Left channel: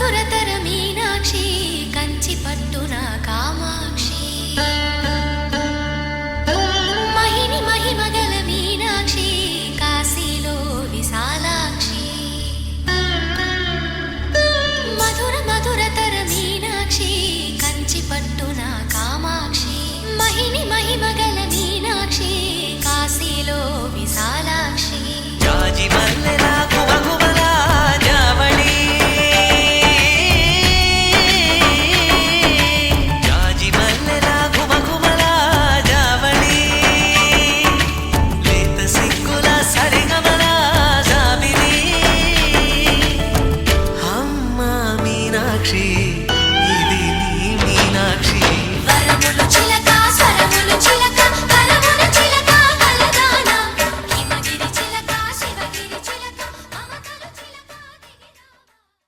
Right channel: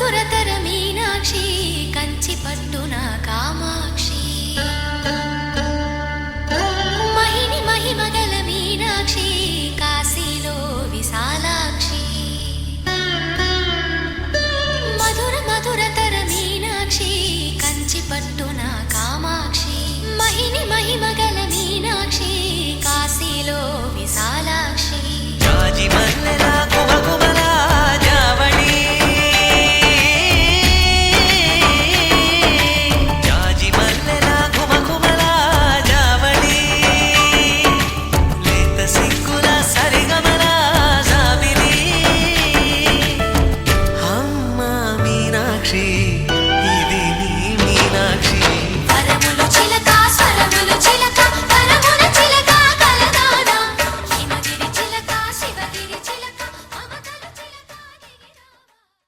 మధురతర మీనాక్షి కంచి పట్టున కామాక్షి మహిని మహిమగల మీనాక్షి కాశీలో విశాలాక్షి మధుర మధురతర మీనాక్షి కంచి పట్టున కామాక్షి మహిని మహిమగల మీనాక్షి కాశీలో విశాలాక్షి జాజి మల్లెలా గుమగుమలా జావళి జాజి మల్లెలా గుమగుమలా జావళి లేత సిగ్గుల సరిగమల జాబిలి అమ్మ మీనాక్షి